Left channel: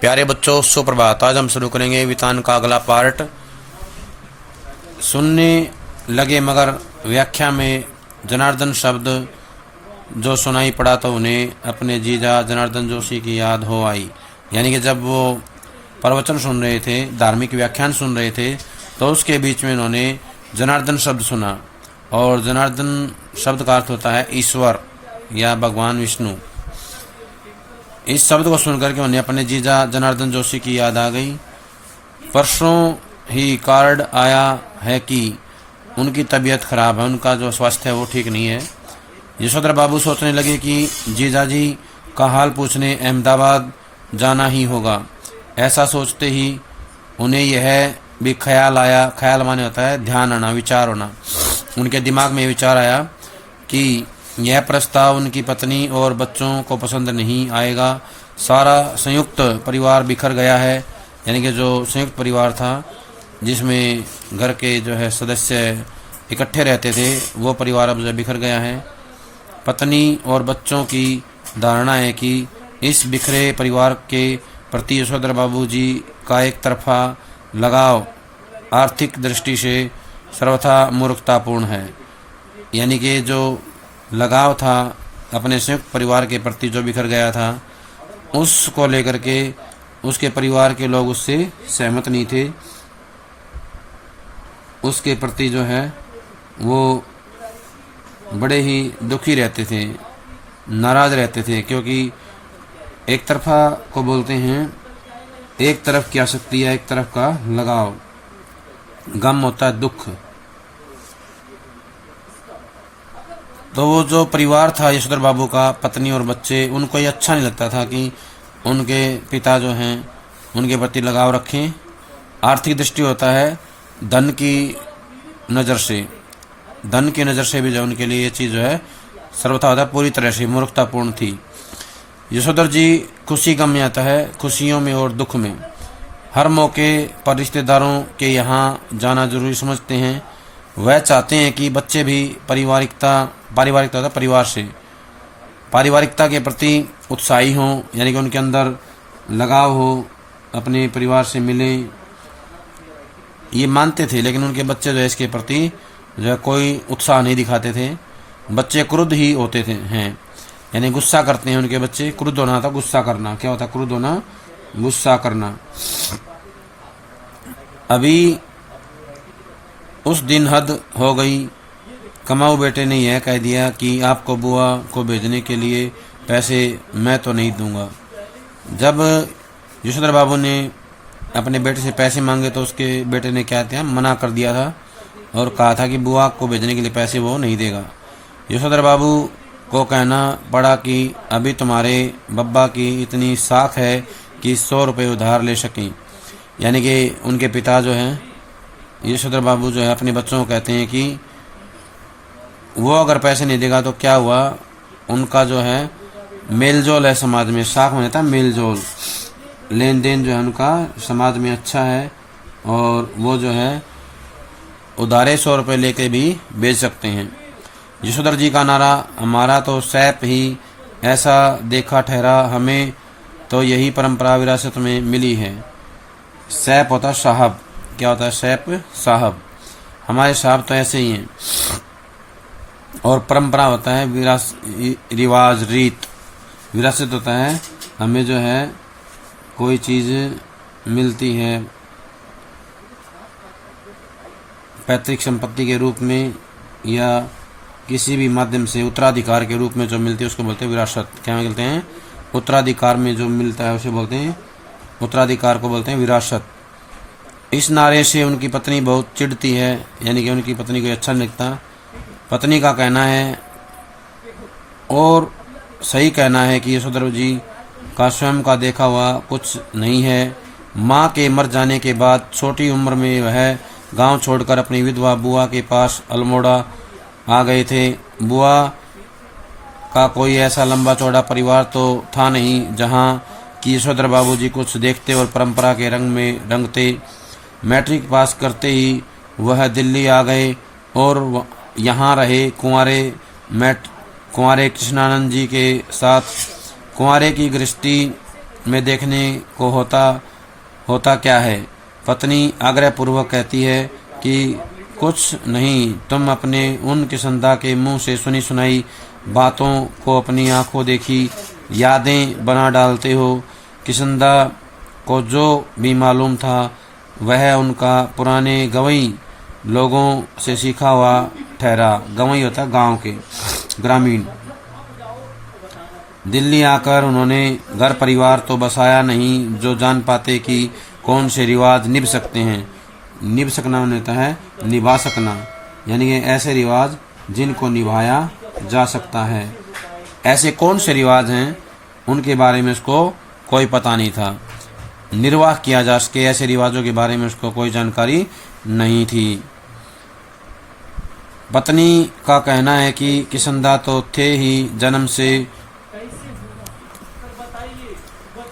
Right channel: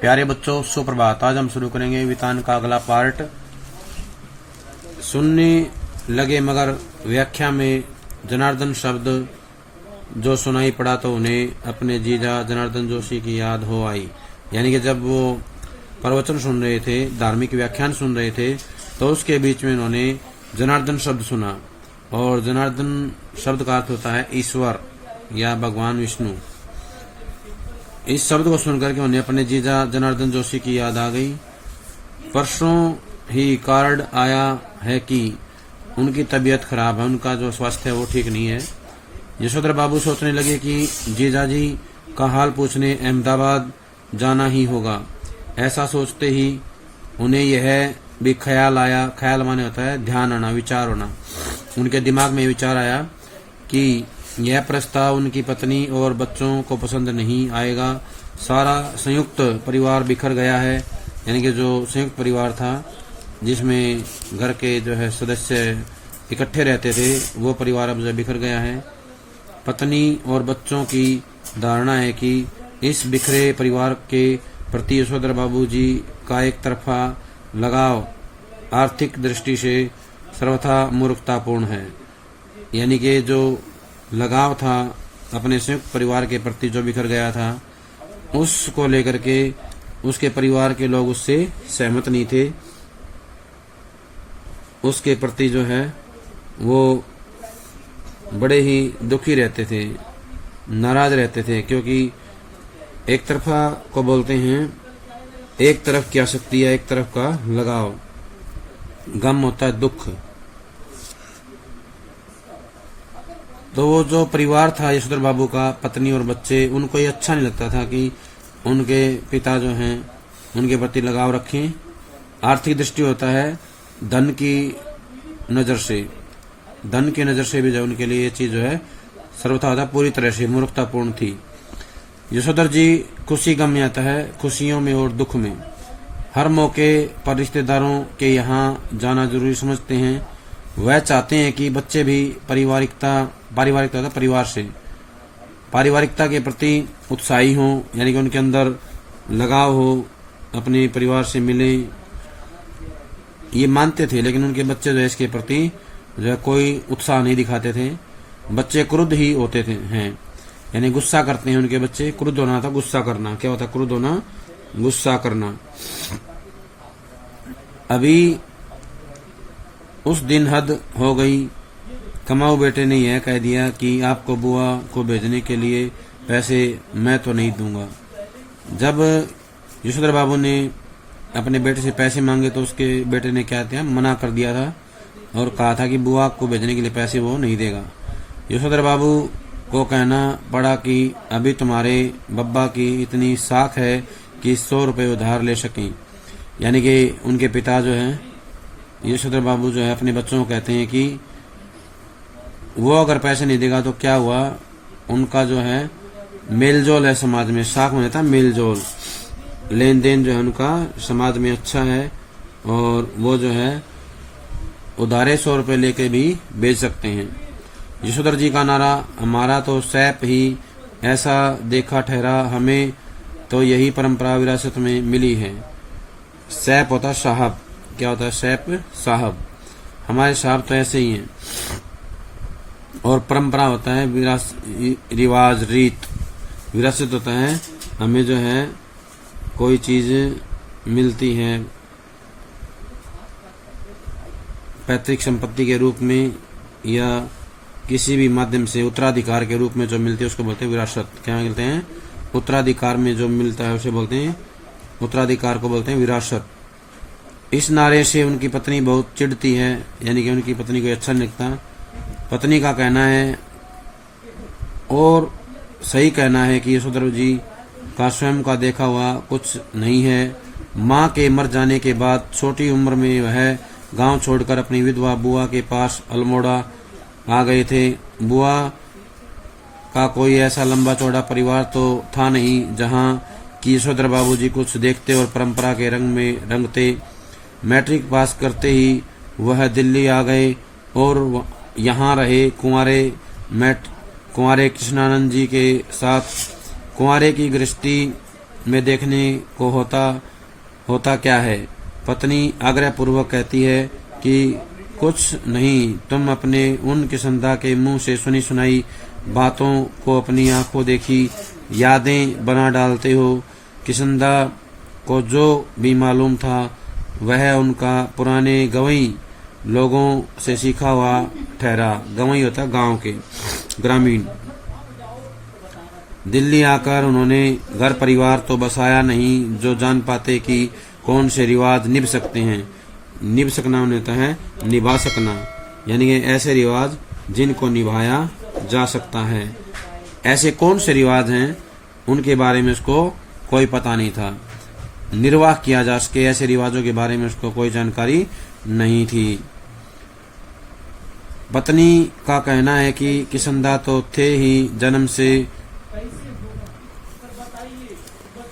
प्यारे बच्चों, सुप्रभात। आज हम शुरू करेंगे वितान का अगला पार्ट। सुनने लगे मगर व्याख्या में जनार्दन शब्द जो सुनाई पड़ा तो उन्हें अपने जीजा जनार्दन जोशी की याद हो आई। यानी कि जब वो प्रवचन सुन रहे थे, धार्मिक व्याख्यान सुन रहे थे, तो उसके बीच में उन्होंने जनार्दन शब्द सुना। और जनार्दन शब्द का अर्थ होता है ईश्वर या भगवान विष्णु। इस शब्द को सुनकर के उन्हें अपने जीजा जनार्दन जोशी की याद आ गई। परसों ही कार्ड आया है कि उनकी तबीयत खराब है, उनका जो स्वास्थ्य है वो ठीक नहीं है। यशोधर बाबू सोचने लगे कि जीजाजी का हाल पूछने अहमदाबाद जाना ही होगा। ऐसा सोचते ही उन्हें यह भी ख्याल आया, ख्याल माने होता है ध्यान आना, विचार होना। उनके दिमाग में विचार आया कि यह प्रस्ताव उनकी पत्नी और बच्चों को पसंद नहीं आएगा। सारा संयुक्त परिवार बिखर गया है। यानी कि जो संयुक्त परिवार था जिसमें घर के जो है सदस्य इकट्ठे रहते थे, वो परिवार अब जो बिखर गया है। पत्नी और बच्चों की धारणा है कि इस बिखरे परिवार के प्रति यशोधर बाबू जी का एक तरफा लगाव आर्थिक दृष्टि से सर्वथा मूर्खतापूर्ण है। यानी कि जो लगाव था अपने संयुक्त परिवार के प्रति जो बिखर गया था, उसको लेकर के उसके परिवार के लोग उससे सहमत नहीं थे। उसके प्रति जो है वो बड़े ही दुखी रहते थे, नाराज रहते थे, क्योंकि एक तरफा को बोलते हैं एक तरफ की आसक्ति है, एक तरफ का लगाव। गम होता है दुख। तो वो जो परिवार था यशोधर बाबू का, पत्नी और बच्चे, उनको ये अच्छा नहीं लगता था कि उनके पिता जो हैं उनके प्रति लगाव रखें। आर्थिक दृष्टि होता है धन की नज़र से, धन की नज़र से भी जो उनके लिए ये चीज़ जो है सर्वथा होता है पूरी तरह से मूर्खतापूर्ण थी। यशोधर जी खुशी गम में आता है, खुशियों में और दुख में। हर मौके पर रिश्तेदारों के यहाँ जाना जरूरी समझते हैं। वह चाहते हैं कि बच्चे भी पारिवारिकता के प्रति उत्साही हों, यानी कि उनके अंदर लगाव हो, अपने परिवार से मिले, ये मानते थे। लेकिन उनके बच्चे जो है इसके प्रति जो है कोई उत्साह नहीं दिखाते थे। बच्चे क्रुद्ध ही होते थे हैं, यानी गुस्सा करते हैं उनके बच्चे। क्रुद्ध होना था गुस्सा करना। क्या होता क्रुद्ध होना? गुस्सा करना। अभी उस दिन हद हो गई। कमाऊ बेटे ने यह कह दिया कि आपको बुआ को भेजने के लिए पैसे मैं तो नहीं दूंगा। जब यशोधर बाबू ने अपने बेटे से पैसे मांगे तो उसके बेटे ने क्या किया? मना कर दिया था और कहा था कि बुआ को भेजने के लिए पैसे वो नहीं देगा। यशोधर बाबू को कहना पड़ा कि अभी तुम्हारे बब्बा की इतनी साख है कि 100 रुपये उधार ले सकें। यानी कि उनके पिता जो हैं यशोधर बाबू जो है अपने बच्चों को कहते हैं कि वो अगर पैसे नहीं देगा तो क्या हुआ, उनका जो है मेलजोल है समाज में। साख में था मेलजोल, लेन देन जो है उनका समाज में अच्छा है, और वो जो है उधारे 100 रुपये लेके भी बेच सकते हैं। यशोधर जी का नारा, हमारा तो सैप ही ऐसा देखा ठहरा, हमें तो यही परंपरा विरासत में मिली है। सैप होता साहब। क्या होता है सैप? साहब। हमारे साहब तो ऐसे ही हैं। और परंपरा होता है रिवाज, रीत। विरासत होता है हमें जो है कोई चीज़ मिलती है पैतृक संपत्ति के रूप में या किसी भी माध्यम से उत्तराधिकार के रूप में जो मिलती है उसको बोलते हैं विरासत। क्या बोलते हैं? उत्तराधिकार में जो मिलता है उसे बोलते हैं, उत्तराधिकार को बोलते हैं विरासत। इस नारे से उनकी पत्नी बहुत चिढ़ती है, यानी कि उनकी पत्नी को अच्छा नहीं लगता। पत्नी का कहना है और सही कहना है कि यशोधर जी का स्वयं का देखा हुआ कुछ नहीं है। माँ के मर जाने के बाद छोटी उम्र में वह गांव छोड़कर अपनी विधवा बुआ के पास अल्मोड़ा आ गए थे। बुआ का कोई ऐसा लंबा चौड़ा परिवार तो था नहीं जहां कि यशोधर बाबू जी कुछ देखते और परंपरा के रंग में रंगते। मैट्रिक पास करते ही वह दिल्ली आ गए और यहाँ रहे। कुंवारे कृष्णानंद जी के साथ कुंवारे की गृहस्थी में देखने को होता क्या है। पत्नी आग्रह पूर्वक कहती है कि कुछ नहीं, तुम अपने उन किसंदा के मुंह से सुनी सुनाई बातों को अपनी आंखों देखी यादें बना डालते हो। किसंदा को जो भी मालूम था वह उनका पुराने गवई लोगों से सीखा हुआ ठहरा। गवई होता गांव के ग्रामीण। दिल्ली आकर उन्होंने घर परिवार तो बसाया नहीं जो जान पाते कि कौन से रिवाज निभ सकते हैं। निभ सकना होता है निभा सकना, यानी कि ऐसे रिवाज जिनको निभाया जा सकता है। ऐसे कौन से रिवाज हैं उनके बारे में उसको कोई पता नहीं था। निर्वाह किया जा सके ऐसे रिवाजों के बारे में उसको कोई जानकारी नहीं थी। पत्नी का कहना है कि किसंदा तो थे ही जन्म से,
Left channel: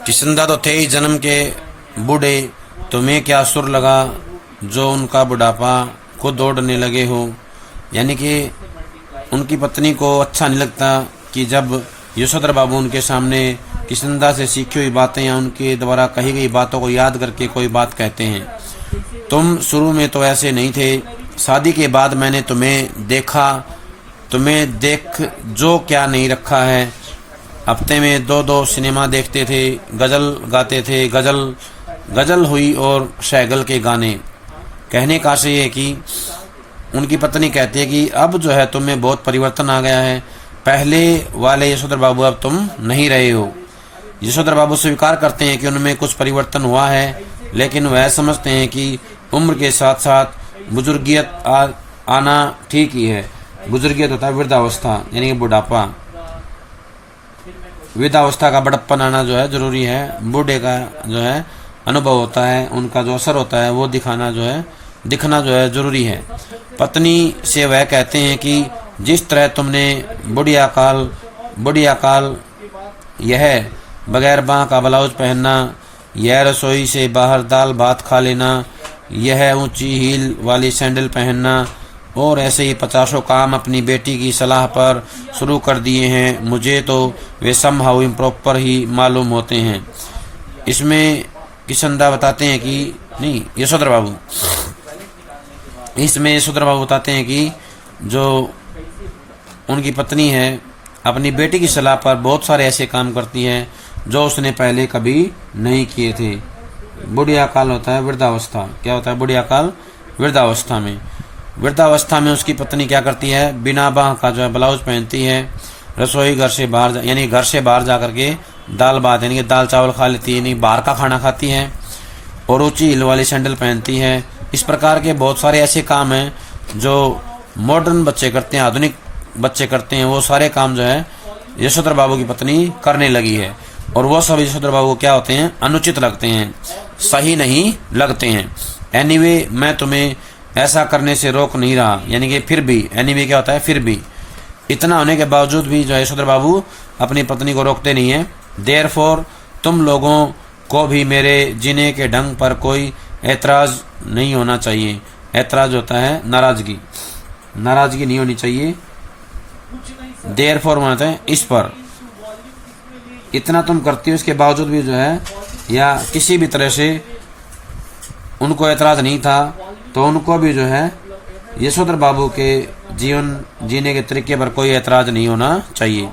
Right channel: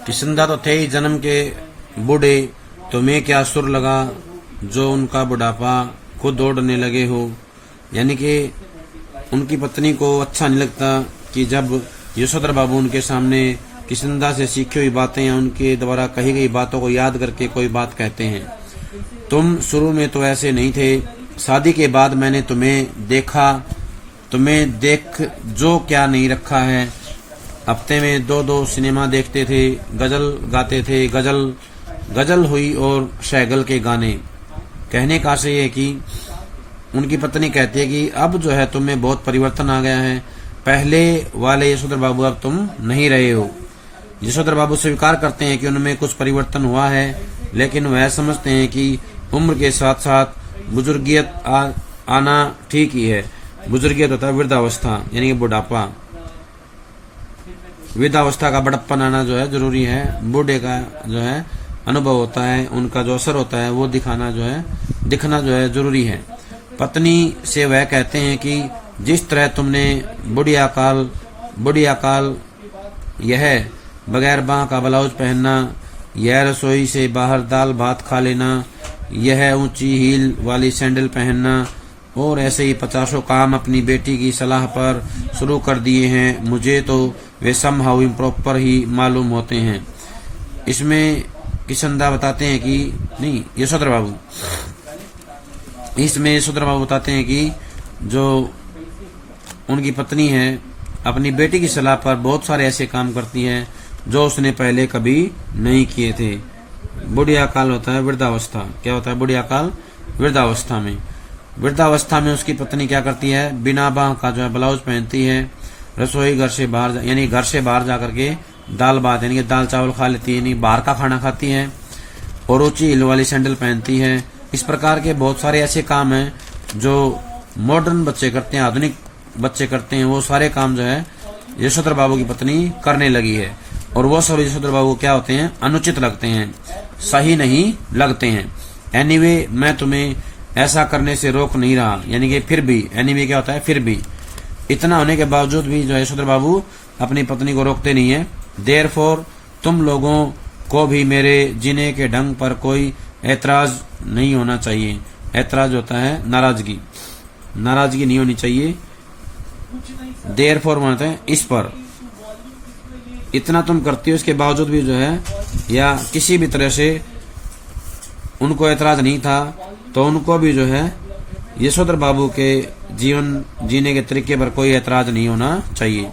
किसंदा तो थे ही जन्म के बूढ़े, तुम्हें क्या सुर लगा जो उनका बुढ़ापा खुद दौड़ने लगे हो। यानी कि उनकी पत्नी को अच्छा नहीं लगता कि जब यशोधर बाबू उनके सामने किसंदा से सीखी हुई बातें या उनके द्वारा कही गई बातों को याद करके कोई बात कहते हैं। तुम शुरू में तो ऐसे नहीं थे, शादी के बाद मैंने तुम्हें देखा, तुम्हें देख जो क्या नहीं रखा है। हफ्ते में 2-2 सिनेमा देखते थे, गजल गाते थे, गजल हुई और शैगल के गाने। कहने का से है कि उनकी पत्नी कहती है कि अब जो है तुम्हें बहुत परिवर्तन आ गया है, पहले वाले यशोधर बाबू अब तुम नहीं रहे हो। यशोधर बाबू स्वीकार करते हैं कि उनमें कुछ परिवर्तन हुआ है, लेकिन वह समझते हैं कि उम्र के साथ साथ बुजुर्गियत आना ठीक ही है। बुजुर्गियत होता है वृद्धावस्था, यानी कि बुढ़ापा। वृद्धावस्था का बड़प्पन आना जो है जरूरी है। बूढ़े का जो है अनुभव होता है, उनका जो असर होता है वो दिखना जो है जरूरी है। पत्नी से वह कहते हैं कि जिस तरह तुमने बुढ़िया काल यह बगैर बांह का ब्लाउज पहनना, यह रसोई से बाहर दाल भात खा लेना, यह ऊंची हील वाली सैंडल पहनना और ऐसे ही 50 काम अपनी बेटी की सलाह पर शुरू कर दिए हैं, मुझे तो वे समहाउ इम्प्रॉपर ही मालूम होते हैं। इसमें किसंदा बताते हैं कि नहीं, यशोधर बाबू बताते हैं कि जो उनकी पत्नी है अपनी बेटी की सलाह पर बहुत सारे ऐसे काम करती है जो उसने पहले कभी नहीं किए थे। बुढ़िया काल होता है वृद्धावस्था। क्या होता है बुढ़िया काल? वृद्धावस्था में उसकी पत्नी क्या करती है, बिना बांह का जो है ब्लाउज पहनती है, रसोई घर से बाहर जा करके दाल भात यानी कि दाल चावल खा लेती है, यानी बाहर का खाना खाती है, और ऊंची हिल वाली सैंडल पहनती है। इस प्रकार के बहुत सारे ऐसे काम हैं जो मॉडर्न बच्चे करते हैं, आधुनिक बच्चे करते हैं। वो सारे काम जो है यशोधर बाबू की पत्नी करने लगी है, और वो सब यशोधर बाबू क्या होते हैं, अनुचित लगते हैं, सही नहीं लगते हैं। एनीवे मैं तुम्हें ऐसा करने से रोक नहीं रहा, यानी कि फिर भी, एनीवे क्या होता है फिर भी। इतना होने के बावजूद भी जो यशोधर बाबू अपनी पत्नी को रोकते नहीं है। देयरफॉर तुम लोगों को भी मेरे जीने के ढंग पर कोई ऐतराज नहीं होना चाहिए। ऐतराज होता है नाराजगी नहीं होनी चाहिए। देयरफॉर मानते हैं इस पर। इतना तुम करती हो, उसके बावजूद भी जो है या किसी भी तरह से उनको ऐतराज नहीं था, तो उनको भी जो है यशोधर बाबू के जीवन जीने के तरीके पर कोई ऐतराज नहीं होना चाहिए।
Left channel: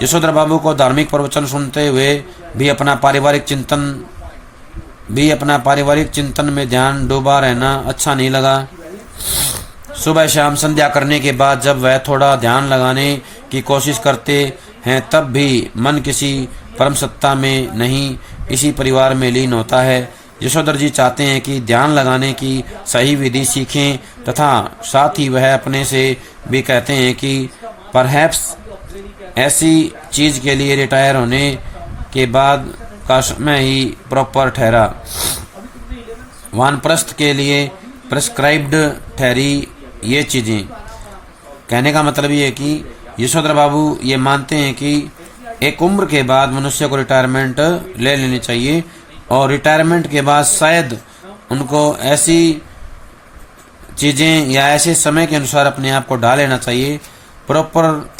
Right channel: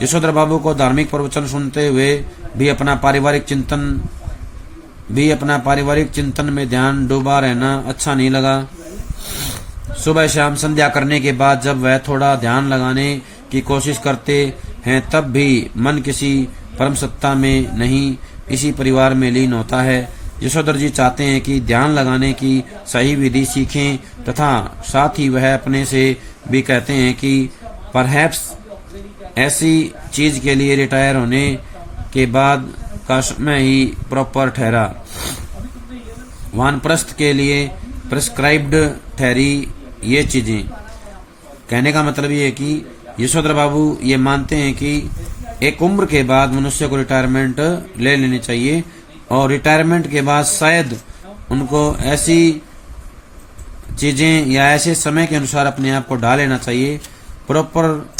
यशोधर बाबू को धार्मिक प्रवचन सुनते हुए भी अपना पारिवारिक चिंतन में ध्यान डूबा रहना अच्छा नहीं लगा। सुबह शाम संध्या करने के बाद जब वह थोड़ा ध्यान लगाने की कोशिश करते हैं, तब भी मन किसी परम सत्ता में नहीं, इसी परिवार में लीन होता है। यशोधर जी चाहते हैं कि ध्यान लगाने की सही विधि सीखें, तथा साथ ही वह अपने से भी कहते हैं कि परहैप्स ऐसी चीज के लिए रिटायर होने के बाद का समय ही प्रॉपर ठहरा, वानप्रस्थ के लिए प्रिस्क्राइब्ड ठहरी ये चीजें। कहने का मतलब ये है कि यशोधर बाबू ये मानते हैं कि एक उम्र के बाद मनुष्य को रिटायरमेंट ले लेनी चाहिए, और रिटायरमेंट के बाद शायद उनको ऐसी चीजें या ऐसे समय के अनुसार अपने आप को ढाल लेना चाहिए, प्रॉपर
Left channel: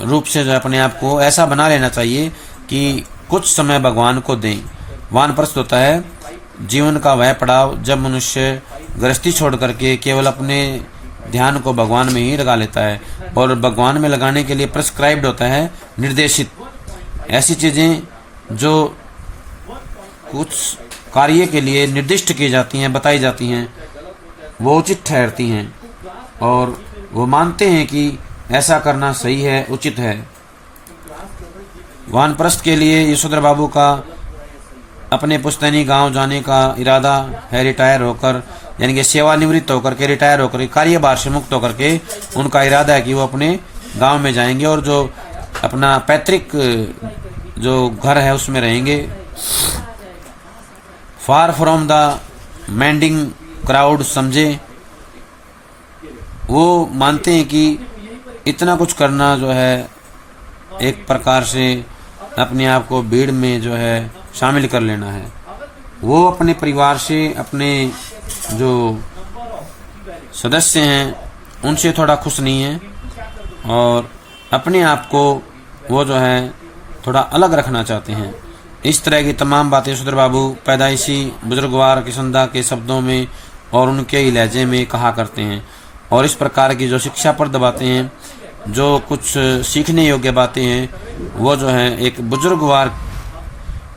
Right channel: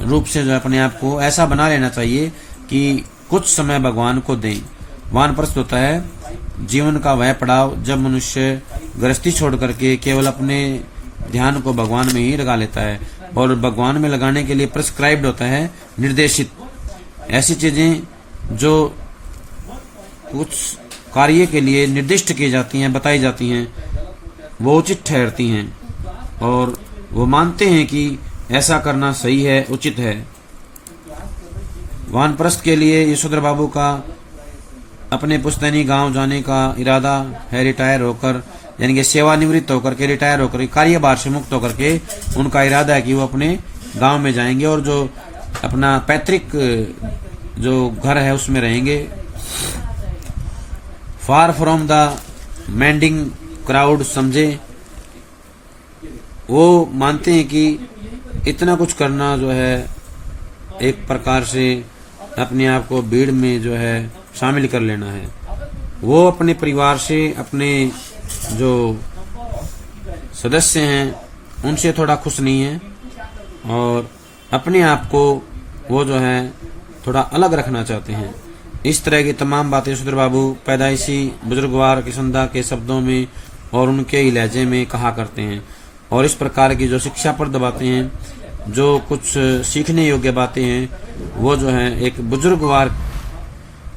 रूप से जो अपने आप को ऐसा बना लेना चाहिए कि कुछ समय भगवान को दें। वानप्रस्थ होता है जीवन का वह पड़ाव जब मनुष्य गृहस्थी छोड़ करके केवल अपने ध्यान को भगवान में ही लगा लेता है, और भगवान में लगाने के लिए प्रिस्क्राइब्ड होता है, निर्देशित ऐसी चीजें जो कुछ कार्य के लिए निर्दिष्ट की जाती हैं, बताई जाती हैं, वो उचित ठहरती हैं और वो मानते हैं कि ऐसा करना सही है, उचित है। वानप्रस्थ के लिए यशोधर बाबू का अपने पुश्तैनी गांव जाने का इरादा है। रिटायर होकर यानी कि सेवानिवृत्त होकर के, रिटायर होकर कार्यभार से मुक्त होकर के उनका इरादा है कि वो अपने गांव में जाएंगे और जो अपना पैतृक जो घर है उसमें रहेंगे। फार फ्रॉम द मैंडिंग क्राउड समझे, वो मानते हैं कि इतना कुछ करना जो है एक प्रकार से अपने आप को भीड़ में जो है शामिल कर लेना है। वो अपने परिवार से, अपने जो सदस्य हैं उनसे थोड़ा खुश नहीं है और अपने आप को वो जो है थोड़ा अलग रखना चाहते हैं। इस तरह की तमाम बातें यशोधर बाबू पैदाइशी बुजुर्गवार किशनदा के शब्दों में और उनके ही लहजे में कहा करते हैं। और इस प्रकार की जो शिक्षाप्रद बातें हैं, जो कुछ सीखने योग्य बातें हैं, वो जो है एक बुजुर्गवार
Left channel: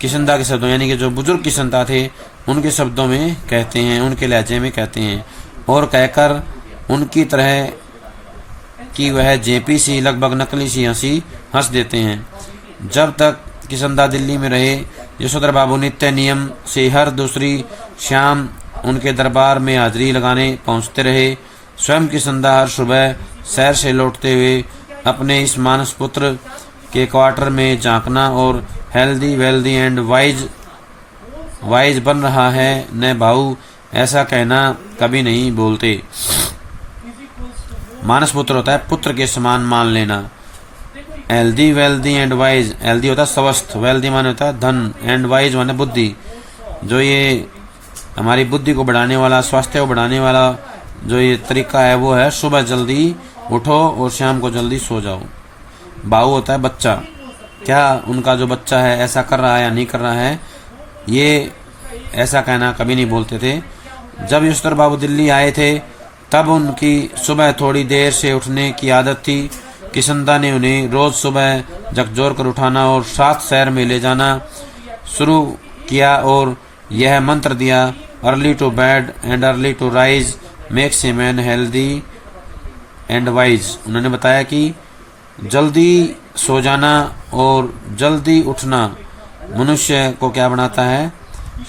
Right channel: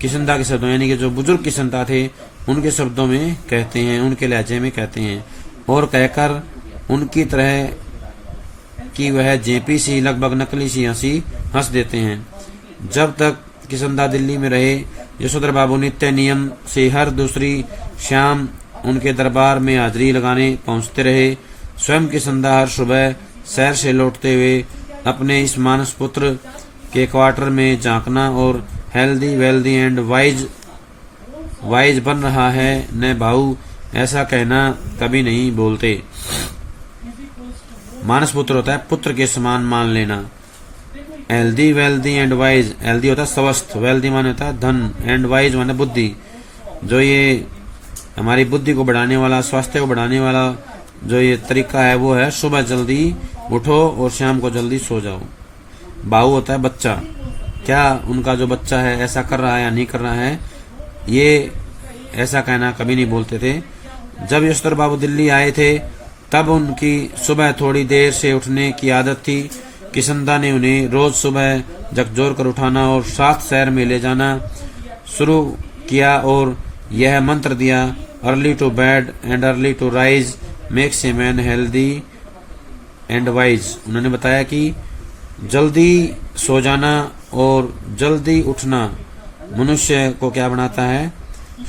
किशनदा के शब्दों यानी कि जो बुजुर्ग किशनदा थे उनके शब्दों में कहते हैं, उनके लहजे में कहते हैं और कहकर उनकी तरह कि वह जेपी सी लगभग नकली सी हंसी हंस देते हैं। जब तक किशनदा दिल्ली में रहे, यशोधर बाबू नित्य नियम से हर दूसरी शाम उनके दरबार में हाजिरी लगाने पहुंचते रहे। स्वयं किशनदा हर सुबह शहर से लौटते हुए अपने इस मानस पुत्र के क्वार्टर में झांकना और हेल्दी वेल्दी एंड वाइज बन रहा है न भाऊ, ऐसा कहना कभी नहीं बोलते। मानस पुत्र होता है पुत्र के समान मान लेना। Healthy wealthy and wise, healthy होता है स्वस्थ, वेल्दी माने होता है धन, एंड वाइज माने बुद्धि। जो ये हमारी बुद्धि को बढ़ाने वाला, स्वास्थ्य को बढ़ाने वाला जो ये तरीका है वो है सुबह जल्दी उठो और शाम को जल्दी सो जाओ। बाहु होता है बच्चा, क्या उनका जो बच्चा है ऐसा कर रहा है या नहीं कर रहा है, ये ऐसा कहना कभी नहीं बोलते थे। जब यशोधर बाबू दिल्ली आए थे तब उनकी सुबह थोड़ी देर से उठने की आदत थी। किशनदा ने उन्हें रोज सुबह झकझोर कर उठाना और साथ शहर में ले जाना शुरू किया और यह मंत्र दिया, early to bed and early to rise makes a man healthy and wise. उन्होंने बताया कि जल्दी सो जाना और जल्दी उठना मनुष्य को क्या बनाता है,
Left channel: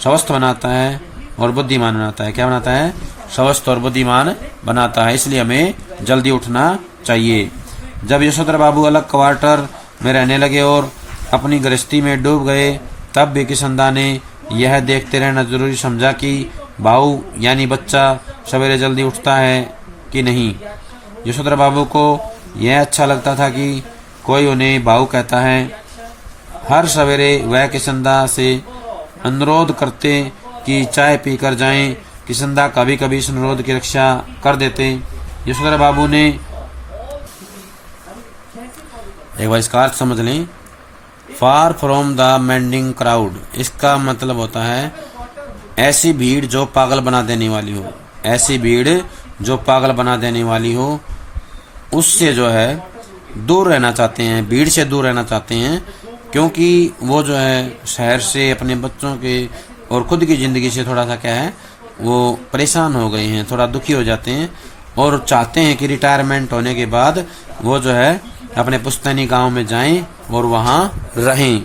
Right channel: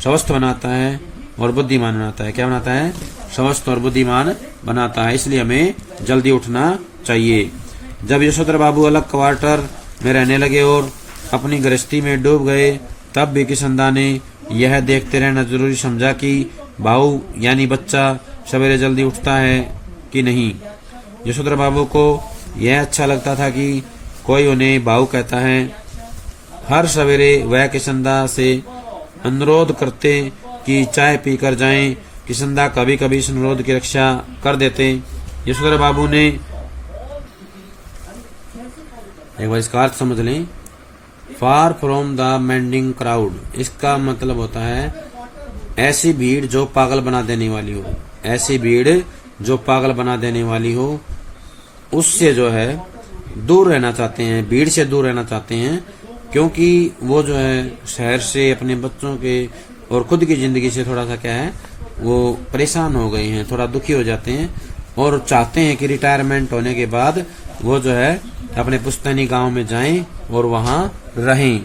स्वस्थ बनाता है और बुद्धिमान बनाता है। क्या बनाता है, स्वस्थ और बुद्धिमान बनाता है। इसलिए हमें जल्दी उठना चाहिए। जब यशोधर बाबू अलग क्वार्टर में रहने लगे और अपनी गृहस्थी में डूब गए तब भी किशनदा ने यह देखते रहना जरूरी समझा कि भाऊ यानी बच्चा सवेरे जल्दी उठता है कि नहीं। यशोधर बाबू को यह अच्छा लगता था कि कोई उन्हें भाऊ कहता है। हर सवेरे वह किशनदा से अनुरोध करते कि चाय पीकर जाएं। किशनदा कभी कभी इस अनुरोध की रक्षा कर देते। यशोधर बाबू ने एक बार इसका अर्थ समझ लें, far from the mending crowd, इसका मतलब होता है ऐसी भीड़ जो पागल बना देने वाली हो, ऐसी भीड़ जो पागल बना देने वाली हो उससे जो है दूर रहना चाहते हैं, भीड़ से दूर रहना चाहते हैं, क्योंकि वो जो है शहर से अपने बच्चों के और खुद की जिंदगी से थोड़ा सा क्या है वो परेशान हो गए हैं, थोड़ा दुखी हो जाते हैं और चाहते हैं कि रिटायरमेंट होने के बाद वो जो है अपने पुश्तैनी गांव में जाएं और वहां रहें।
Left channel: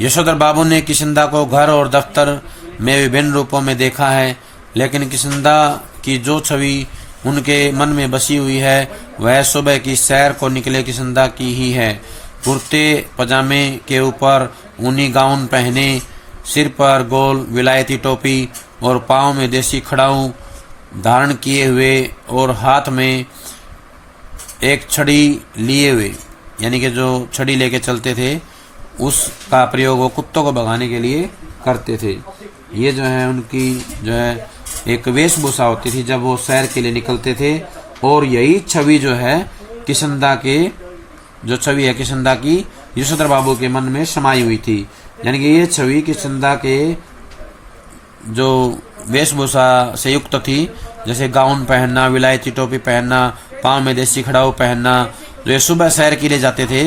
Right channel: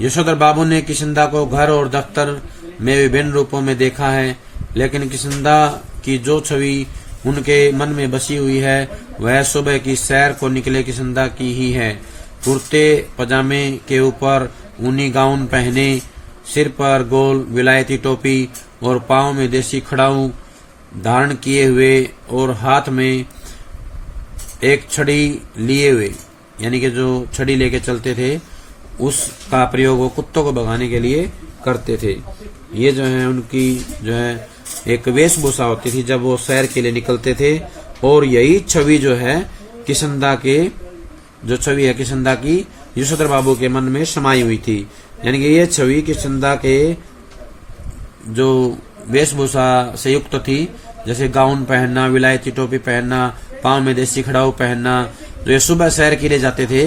यशोधर बाबू ने किशनदा को घर और दफ्तर में विभिन्न रूपों में देखा है, लेकिन किशनदा की जो छवि उनके मन में बसी हुई है वह सुबह की सैर को निकले किशनदा की ही है। कुर्ते पजामे के ऊपर ऊनी गाउन पहने, सिर पर गोल विलायती टोपी और पांव में देसी खड़ाऊ धारण किए हुए और हाथ में एक छड़ी लिए हुए, यानी कि जो छड़ी लेके चलते थे उसका प्रयोग वो कुत्तों को भगाने के लिए करते थे। ये जो है उनकी जो है एक वेशभूषा होती थी जब वो सैर के लिए निकलते थे और यही छवि जो है किशनदा के जो छवि है किशनदा की यशोधर बाबू के मन में समाई हुई थी। यानी कि ये छवि किशनदा के जो वेशभूषा से युक्त थी, जैसे गाउन पहनना, विलायती टोपी पहनना, पांव में देसी खड़ाऊ पहनना, जो ये सुबह सैर के लिए जाते थे,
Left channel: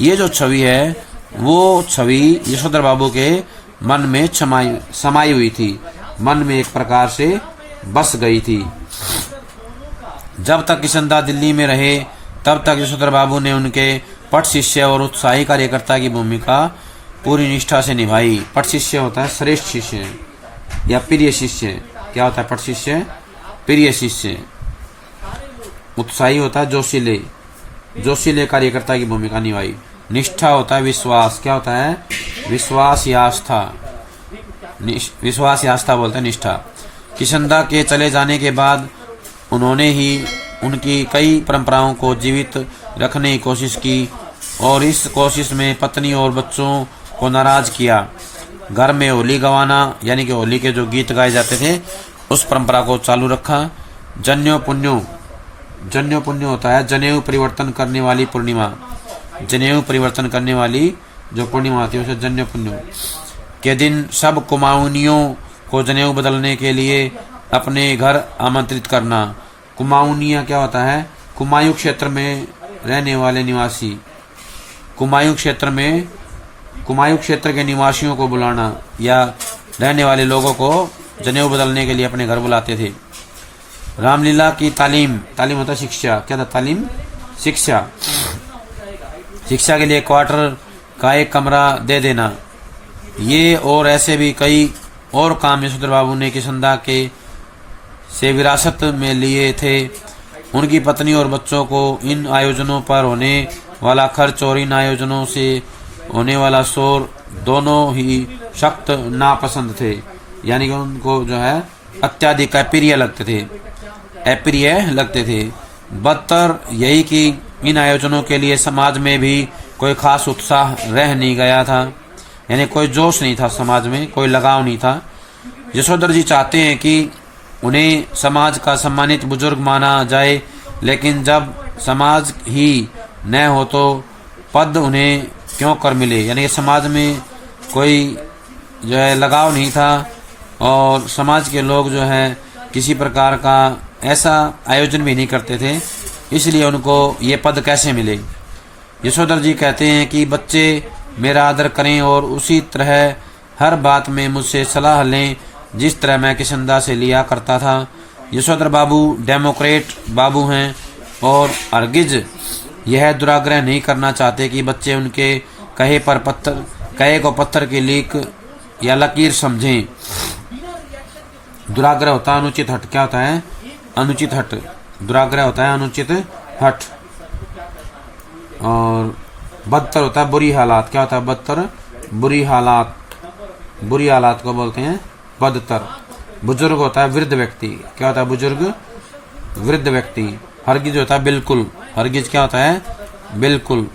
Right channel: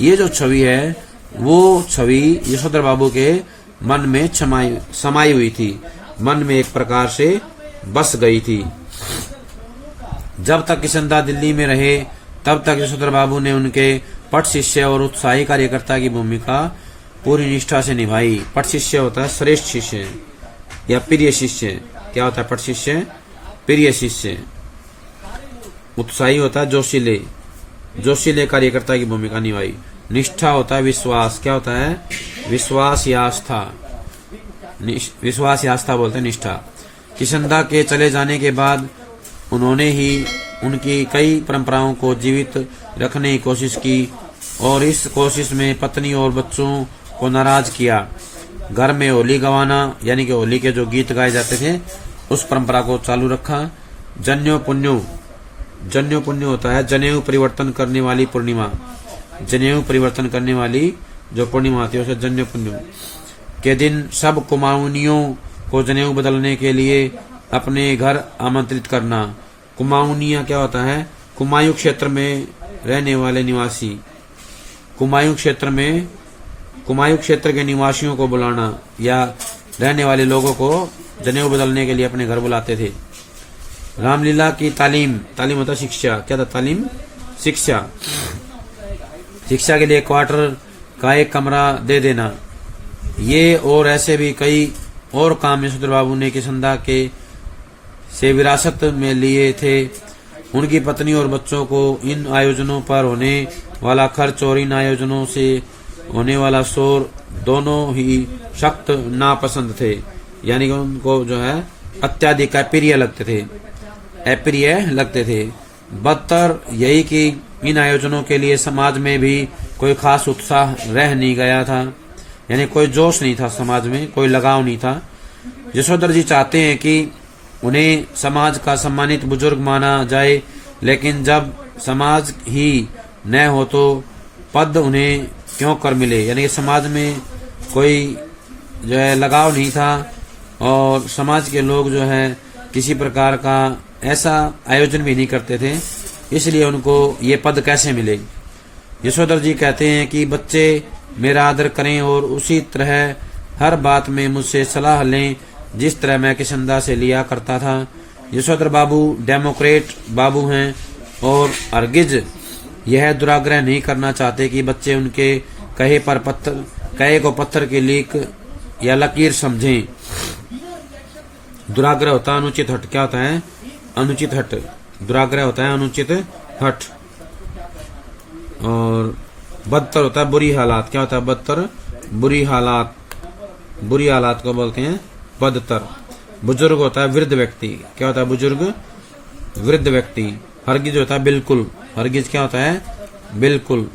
ये जो छवि है वो छवि यशोधर बाबू के मन में समाई हुई थी, मन में एक प्रकार से बस गई थी। जब तक किशनदा दिल्ली में रहे तब तक यशोधर बाबू ने उनके पट शिष्य और उत्साही कार्यकर्ता की भूमिका पूरी निष्ठा से निभाई। पट शिष्य होता है श्रेष्ठ शिष्य या प्रिय शिष्य। क्या होता है पट शिष्य? प्रिय शिष्य। उत्साही होता है जोशीले, जोशीले कार्यकर्ता की भूमिका निभाई। निष्ठा होता है विश्वास। क्या होता है? विश्वास या आस्था। विश्वास या आस्था बोलते हैं निष्ठा। किशनदा के चले जाने के बाद उन्होंने ही उनकी कई परंपराओं को जीवित रखने की कोशिश की और इस कोशिश में पत्नी और बच्चों को नाराज किया। घर में होली गवाना यानी कि होली के जो गीत गाए जाते थे उस परंपरा को चालू रखा। जन्यो पुण्यो, जन्यो पुण्य होता है जनेऊ परिवर्तन करने वाली पूर्णिमा। जनेऊ परिवर्तन करने वाली जो पूर्णिमा आती है उसे जन्यो पुण्य के दिन सब कुमाऊनियों को जनेऊ बदलने के लिए अपने घर आमंत्रित करना। कुमाऊनिया क्या होता है? कुमायूं क्षेत्र में रहने वाले निवासी। कुमायूं क्षेत्र में, कुमायूं क्षेत्र के निवासियों को बुलाना या रहने वाले लोगों को जनेऊ बदलने के लिए अपने घर बुलाते थे। रामलीला की तालीम, तालीम होता है शिक्षा। क्या था? तालीम, शिक्षा। शिक्षा के लिए क्वार्टर का एक कमरा दे देना। ये और ऐसे भी कई और काम यशोधर बाबू ने किशनदा के से विरासत में लिए थे। उनकी पत्नी और बच्चों को इन आयोजनों पर होने वाला खर्च और इन आयोजनों से होने वाला शोर दोनों ही सख्त नापसंद थे। यानी कि उनको जो है अत्यधिक अप्रिय लगते थे, अप्रिय लगते थे। बदतर यही कि इन आयोजनों के लिए समाज में भी कोई खास उत्साह रह नहीं गया था। यानी कोई जोश नहीं था समाज में, कोई लगाव नहीं था। यशोधर जी चाहते हैं कि उन्हें समाज का सम्मानित बुजुर्ग माना जाए, लेकिन जब समाज ही न हो तो पद उन्हें क्यों कर मिले। यानी कि समाज में कोई जो है लगाव नहीं था और समाज के लोग जो है किसी प्रकार का ऐसा आयोजन भी नहीं करते थे, इसलिए उनको ये पद कैसे मिले। यशोधर जी कहते हैं कि बच्चे मेरा आदर करें और उसी तरह हर बात में मुझसे सलाह लें जिस तरह मैं किशनदा से लिया करता था। यशोधर बाबू डेमोक्रेट बाबू हैं और हरगिज यह दुराग्रह नहीं करना चाहते कि बच्चे उनके कहे को पत्थर की लीक या लकीर समझें। दुराग्रह होता है अनुचित हट। क्या होता है? अनुचित हट। दुराग्रह होता है अनुचित हट। और बदतर होता है बुरी हालात। क्या होता है? बदतर, बुरी हालात। बुरी हालात को बोलते हैं बदतर। बुजुर्ग होता है वृद्ध व्यक्ति। क्या होता है? बुजुर्ग, वृद्ध व्यक्ति। हरगिज होता है बिल्कुल। हरगिज क्या होता है? बिल्कुल।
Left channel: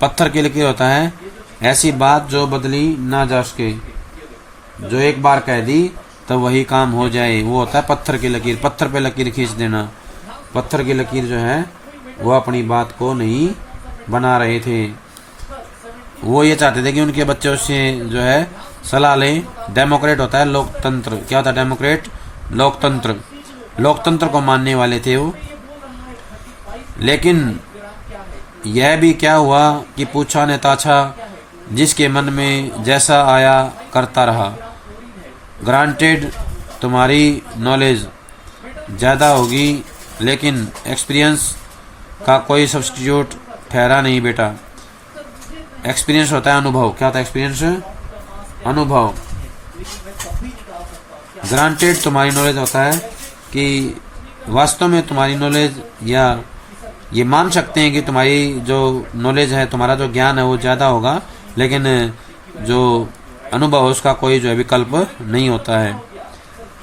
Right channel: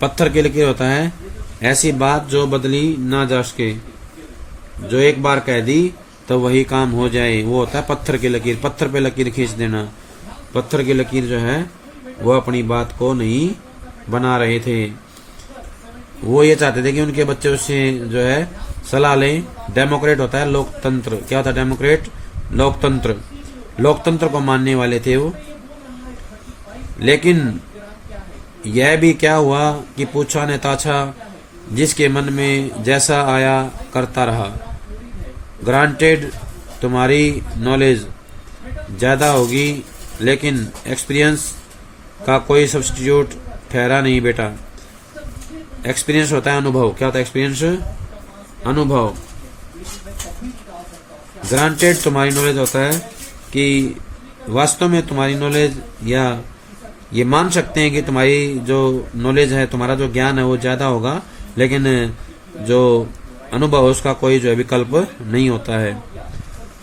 पत्थर के लकीर होता है ऐसी बात जो बदली ना जा सके, जो एक बार कह दी तो वही काम हो जाए, वो होता है पत्थर की लकीर। पत्थर पे लकीर खींच देना। पत्थर की लकीर जो है वो अपनी बात को नहीं बना रहे थे। वो ये चाहते थे कि उनके बच्चे उससे जो है सलाह लें। डेमोक्रेट होता है लोकतंत्र। क्या होता है? डेमोक्रेट, लोकतंत्र। लोकतंत्र को मानने वाले थे वो। लेकिन यह भी क्या हुआ कि पूछा ने ताछा, जिसके मन में जैसा आया करता रहा। ग्रांटेड तुम्हारी नॉलेज ज़्यादा होगी लेकिन एक्सपीरियंस का कोई सब्स्टिट्यूट ठहरा नहीं बेटा। एक्सपीरियंस होता है अनुभव। क्या होता है एक्सपीरियंस? अनुभव। ग्रांटेड तुम्हारी नॉलेज होता है कि वास्तव में तुम्हारी नॉलेज, या ये मान सकते हैं कि तुम्हारी जो नॉलेज है, तुम्हारा जो ज्ञान है वो ज़्यादा होगा, लेकिन जो अनुभव है उसका कोई जो है विकल्प नहीं होता है।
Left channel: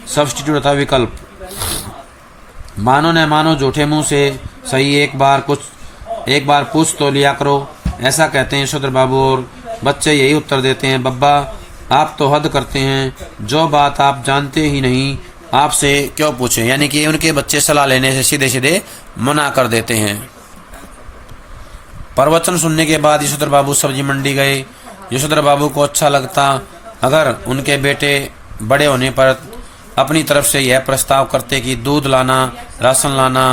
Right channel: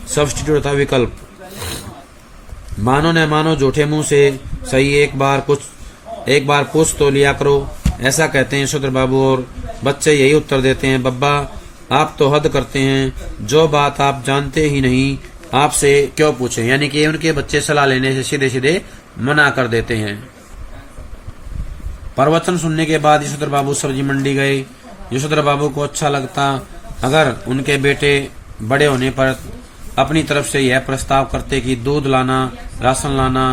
सब्स्टिट्यूट होता है विकल्प। मानो न मानो झूठे मुंह से सही, एक बार पूछ तो लिया करो, ऐसा कहते हैं यशोधर बाबू। और बच्चे यही उत्तर देते हैं, बब्बा आप तो हद करते हैं, जो बात आप जानते ही नहीं आपसे क्यों पूछें। यानी कि उनके बच्चे सलाह लेने से सीधे सीधे मना कर देते हैं। प्रवचन सुनने के बाद यशोधर बाबू सब्जी मंडी गए। यशोधर बाबू को अच्छा लगता अगर उनके बेटे बड़े होने पर अपनी तरफ से यह प्रस्ताव करते कि दूध लाना, राशन लाना,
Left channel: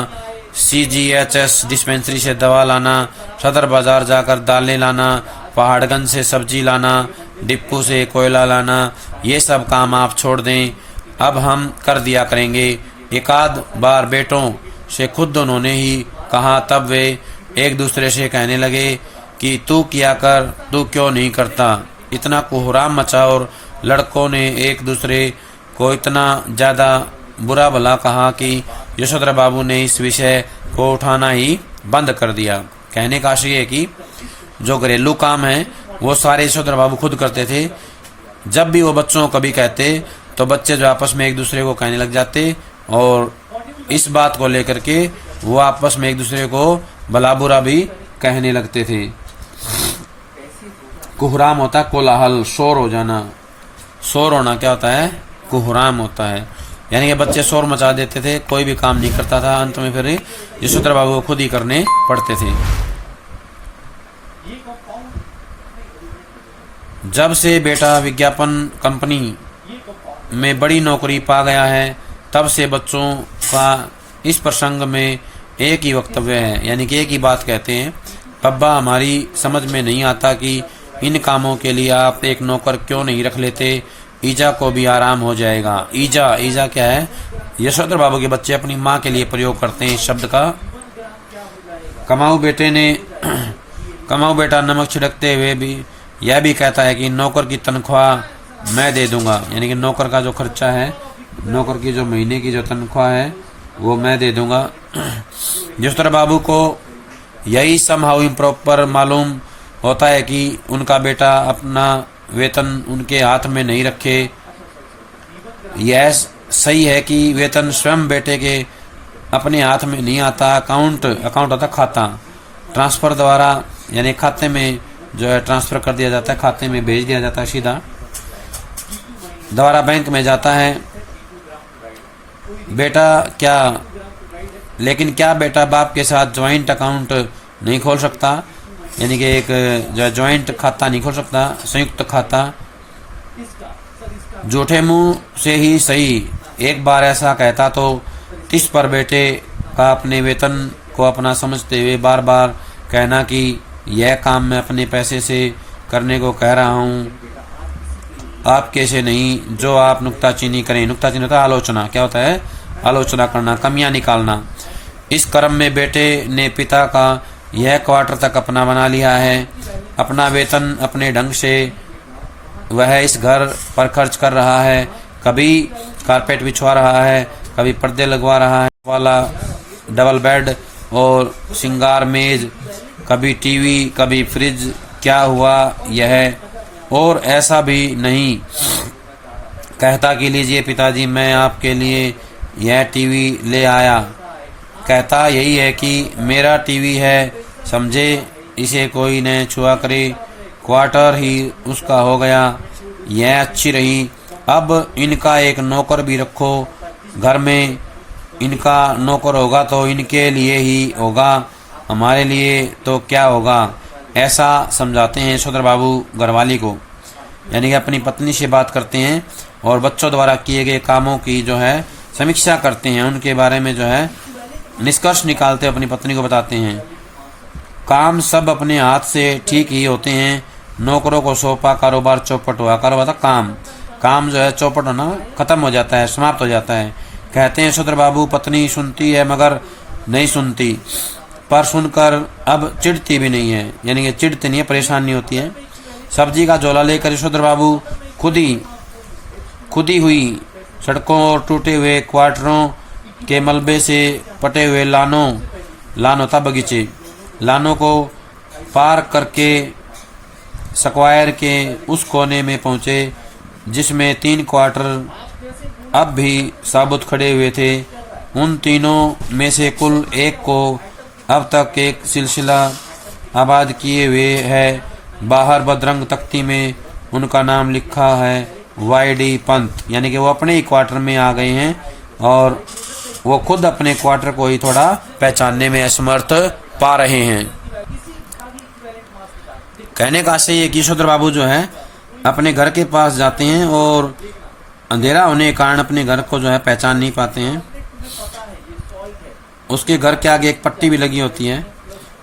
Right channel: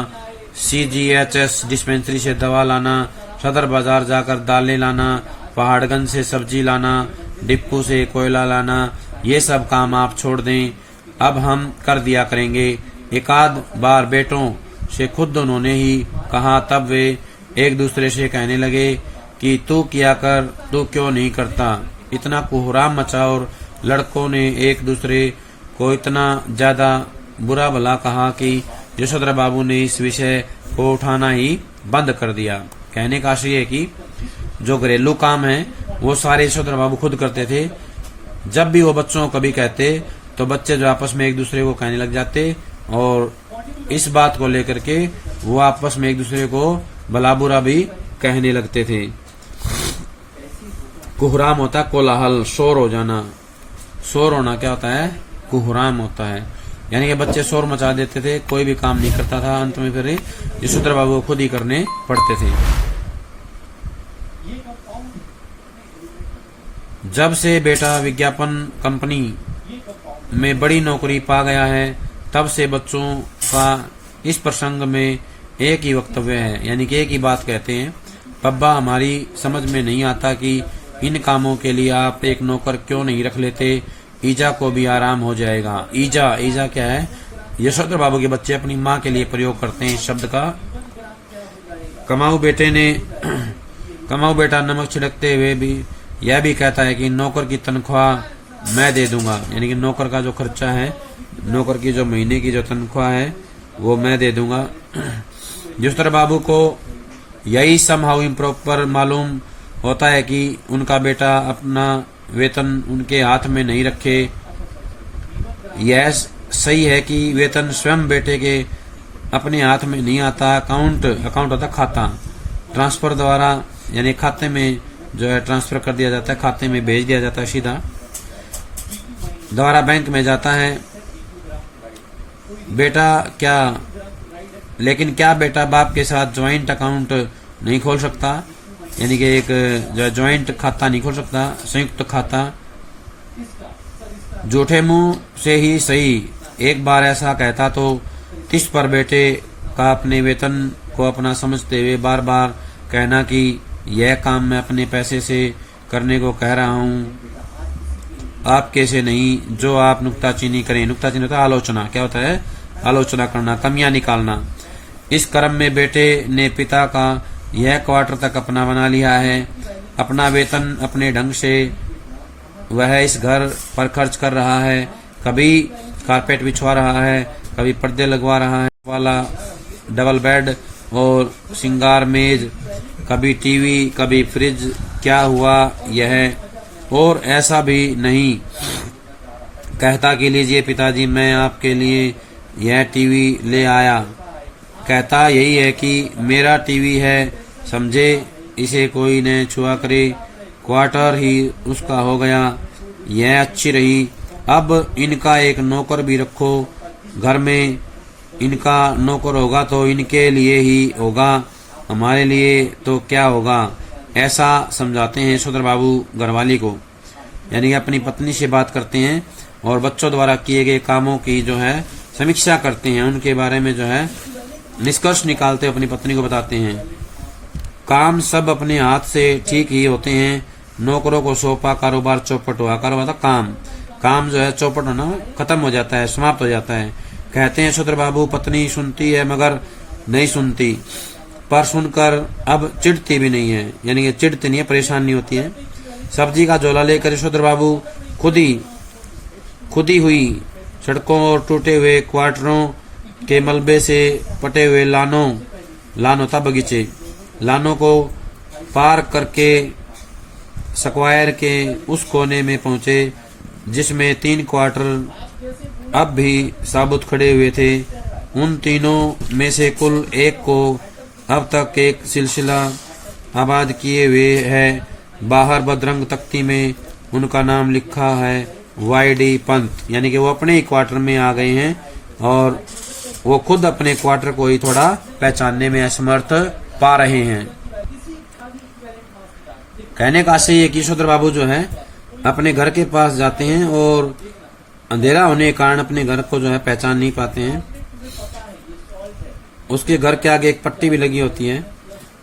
CGHS डिस्पेंसरी से दवा लाना, सदर बाजार जाकर दालें लाना, पहाड़गंज से सब्जी लाना, डिप्पू से कोयला लाना, ये सब काम आप छोड़ दें, अब हम कर दिया करेंगे। एकाध बार बेटों से खुद उन्होंने ही कहा, तब वे एक दूसरे से कहने लगे कि तू किया कर, तू क्यों नहीं करता। इतना कोहराम मचा और लड़कों ने एक दूसरे को इतना ज्यादा बुरा भला कहा कि यशोधर बाबू ने इस विषय को उठाना ही बंद कर दिया। कहने का आशय है कि जो घरेलू काम है वो सारे यशोधर बाबू खुद करते थे। जब भी वो बच्चों को कभी कहते तो बच्चे जो आपस में एक दूसरे को कहने लग जाते और इस बात को लेकर के वो आपस में एक दूसरे को भला बुरा भी कहने लगते थे। कोहराम होता कोलाहल, शोर हो जाना। शोर होना क्या होता है? कोहराम होता है। यानी कि बच्चे शोर मचा देते थे, कोई भी काम नहीं करता था, अंत में फिर यशोधर बाबू को खुद ही करने पड़ते थे। जब से बेटा विज्ञापन कंपनी में बड़ी नौकरी पा गया है तब से बच्चों का इस प्रसंग में एक ही वक्तव्य है, यानी कि एक ही बात कहते हैं, पब्बा हमारी समझ में नहीं आता कि इन कामों के लिए आप एक नौकर क्यों नहीं रख लेते, ईजा को भी आराम हो जाएगा। ईजा क्या है? यशोधर बाबू के बच्चे अपनी माँ के लिए प्रयोग करते हैं इस शब्द का। कमाऊ बेटा नमक छिड़कते हुए भी यह भी कहता है कि नौकर की तनख्वाह मैं दे दूंगा, यानी कि नौकर का जो खर्चा है, नौकर की जो महीने की जो तनख्वाह है वो मैं दे दूंगा। यशोधर बाबू को यही समहाउ इम्प्रॉपर मालूम होता है कि उनका बेटा अपना वेतन उनके हाथ में नहीं रखे। यह सही है कि वेतन स्वयं बेटे के अपने हाथ में नहीं आता। अकाउंट होता खाता, ट्रांसफर द्वारा यानी खाते में जो है ट्रांसफर कर दिया जाता है, खाते में भेज दिया जाता है, सीधा द्वारा बैंक में जाता है। लेकिन क्या बेटा बाप के साथ ज्वाइंट अकाउंट नहीं खोल सकता, यानी कि एक जो ज्वाइंट खाता नहीं खोल सकता, संयुक्त खाता। झूठे मुंह से ही सही एक बार ऐसा कहता तो 30 पर बेटे का अपने वेतन को अपना समझते हुए बार बार कहना कि यह काम मैं अपने पैसे से करने को कह रहा हूँ, आपके से नहीं, जो आप नुक्ताचीनी करें। नुक्ताचीनी होता है आलोचना। क्या होता है? आलोचना करना, कमियां निकालना। इस क्रम में बेटे ने पिता का यह क्वार्टर तक अपना बना लिया है। अपना वेतन अपने ढंग से वह इस घर पर खर्च कर रहा है। कभी कारपेट बिछवा रहा है, कभी पर्दे लगवा रहा है, वाला डबल बेड और श्रृंगार मेज, कभी टीवी, कभी फ्रिज। क्या हुआ यह? और ऐसा भी नहीं कहता कि लीजिए पिताजी मैं आपके लिए यह टीवी ले आया। कहता यही है कि मेरा टीवी है, समझे, इसे कोई न छुआ करे। क्वार्टर ही उसका हो गया, यह अच्छी रही। अब इनका एक नौकर भी रखो घर में। इनका नौकर होगा तो इनके लिए ही होगा, हमारे लिए तो क्या होगा। ऐसा समझाते हैं यशोधर बाबू घरवाली को, यानी कि अपनी पत्नी से बात करते हैं और बच्चों द्वारा किए गए कामों की जो है समीक्षा करते हैं, उनके बारे में जो है निष्कर्ष निकालते अपनी पत्नी को बताते हैं। काम सब अपने हाथ से ठीक ही होते हैं, नौकरों को सौंपा कारोबार चौपट हुआ। कारोबार काम जो है चौपट होना खत्म हो जाता है, समाप्त हो जाता है। कहते हैं यशोधर बाबू पत्नी सुनती है मगर नहीं सुनती, पर सुनकर अब चिढ़ती भी नहीं है, यानी कि चिढ़ती नहीं है, परेशान नहीं होती है। सब्जी का झोला लेकर यशोधर बाबू खुदी हुई सड़कों और टूटे हुए क्वार्टरों के मलबे से पटे हुए लानों था बगीचे, लानों को पार करके स्क्वायर के उस कोने में पहुंचे जिसमें 3 क्वार्टर अब भी साबुत खड़े हुए थे। उन तीनों में से कुल एक को अब तक एक सिलसिला आबाद किए हुए है। बाहर बदरंग तख्ती में उनका नाम लिखा है वाईडी पंत, यानी कि वो अपने ही क्वार्टर में आ गए हैं और वो खुद अपने क्वार्टर को ही थोड़ा पहचानने में असमर्थ पा रहे हैं। कहने का आशय ये कि यशोधर बाबू जो है अपने घर के पास जाते हैं और अंधेरा होने के कारण अपने घर को जो है पहचान नहीं पाते हैं। उसके घर के आगे एक पट्टी भी लगी होती है,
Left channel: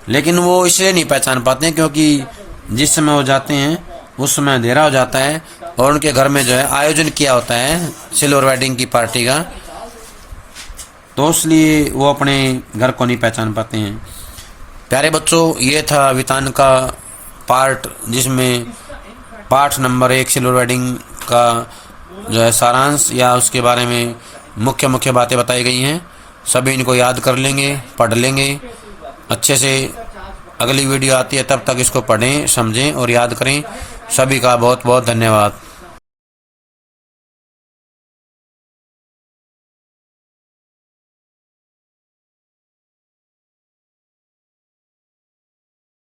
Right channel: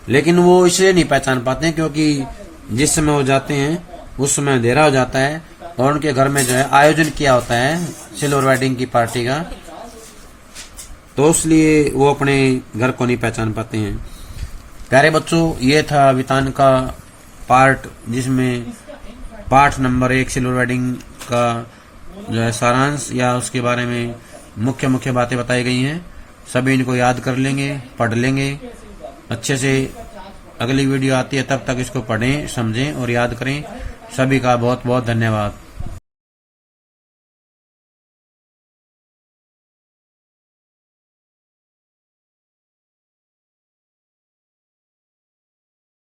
लेकिन वो इसलिए नहीं पहचान पाते हैं क्योंकि जिस समय वो जाते हैं उस समय अंधेरा हो जाता है और उनके घर में जो है आयोजन किया होता है सिल्वर वेडिंग की पार्टी का, तो इसलिए वो अपने घर को नहीं पहचान पाते हैं। प्यारे बच्चों, ये था वितान का पार्ट, जिसमें पाठ नंबर 1 सिल्वर वेडिंग का जो है सारांश या उसके बारे में मुख्य मुख्य बातें बताई गई हैं। सभी इनको याद कर लेंगे, पढ़ लेंगे अच्छे से। अगली वीडियो आती है, तब तक इसको पढ़ें, समझें और याद करें। सभी का बहुत बहुत धन्यवाद।